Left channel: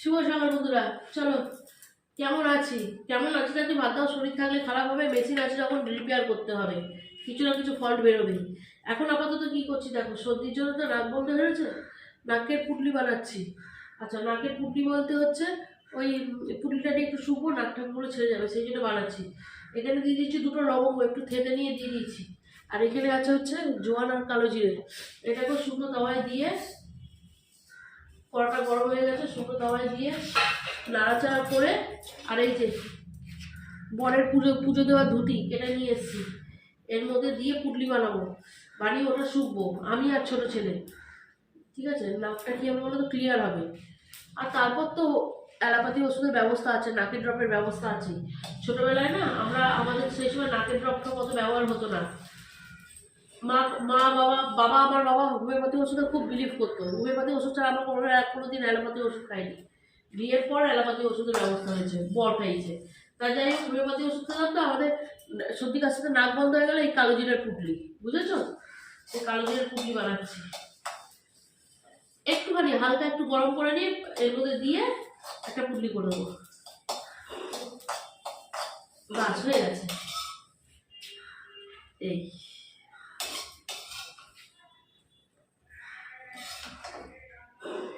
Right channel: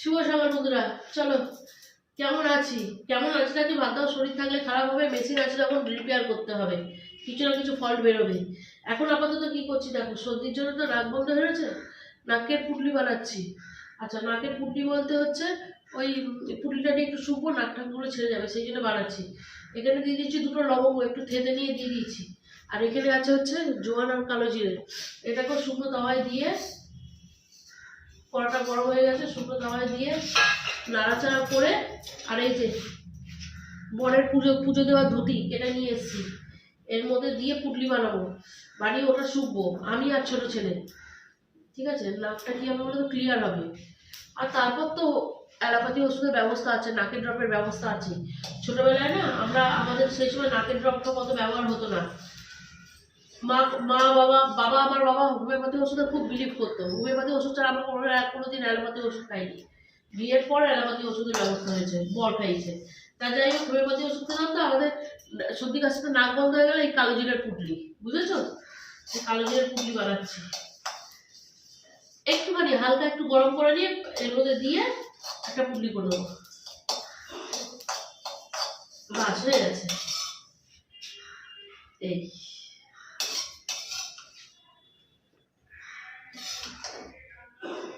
শুভ সকাল বন্ধুরা, চলো কেমন আছি নাকি বাদ দাও। শরীর থাকলে খারাপ হবে, মেশিন আছে যখন রিপেয়ার করতে হবে, কিছু না কিছু ফল্ট বেরোবে। এখন আপাতত কি করছি দেখো, সর্দির জন্য তো নাক বন্ধ হয়েছে, নাকের পুটলি বানাচ্ছি। আচ্ছা, নাকের পুটলি বলতে হচ্ছে ওই পুটলিটা নিয়ে একটু শুকবো, নাক ঠাকগুলো ছেড়ে যাবে, সেই জন্য বানাচ্ছি। এখানে দিয়ে দিচ্ছি দুটো লবঙ্গ, একটু থেতে নিয়ে দিয়ে দিয়েছি। আর এখানে আছে হচ্ছে জোয়ান আর কালো জিরে। এটাকেও শুকনো তাওয়ায় দিয়ে, কড়াটা গরম হয়ে গেছে, শুকনো তাওয়ায় দিয়ে নাড়াচাড়া করে, আর এই যে বরের পুজো দেওয়ার ধুতি এটা নিয়ে এসেছি, এর মধ্যে দিয়ে পুটলি বানাবো, বানিয়ে ওটা শুকবো আমি আর ছোট ছেলে। ঠিক আছে, নাকটা কি হবে বলে তো ক্লিয়ার হবে। আর তারপর তো অ্যালোপ্যাথি ওষুধের ব্যবস্থা আছে, নাকের ড্রপের ব্যবস্থা আছে। ছোটবেলায় না আমাদের সেই সময় নাকের ড্রপটা কত ব্যবহার হতো না। মা মা বাবা বাবা আমার বাবা হোমিওপ্যাথি ওষুধে খুব বিলিভ করতো। হোমিওপ্যাথি ওষুধ ছাড়া আমরা কোনোদিন অ্যালোপ্যাথি ওষুধ খাইনি। বিয়ের পর অ্যালোপ্যাথি ওষুধের ব্যবস্থা হয়েছে, বর খাইছে। তা যাই হোক, হোমিওপ্যাথি ওষুধ খেলাম তো আমাদের সর্দি কাশিতে নাক বন্ধ হয়ে গেলে এই কালো জিরের পুটলি, বুঝেছো? এই কালো জিরের পুটলি বানাচ্ছি। একটুখানি হালকা একটু গরম করে নিয়ে এর মধ্যে দিয়ে একটা পুটলি করে দেবো, বাস হয়ে গেছে। এই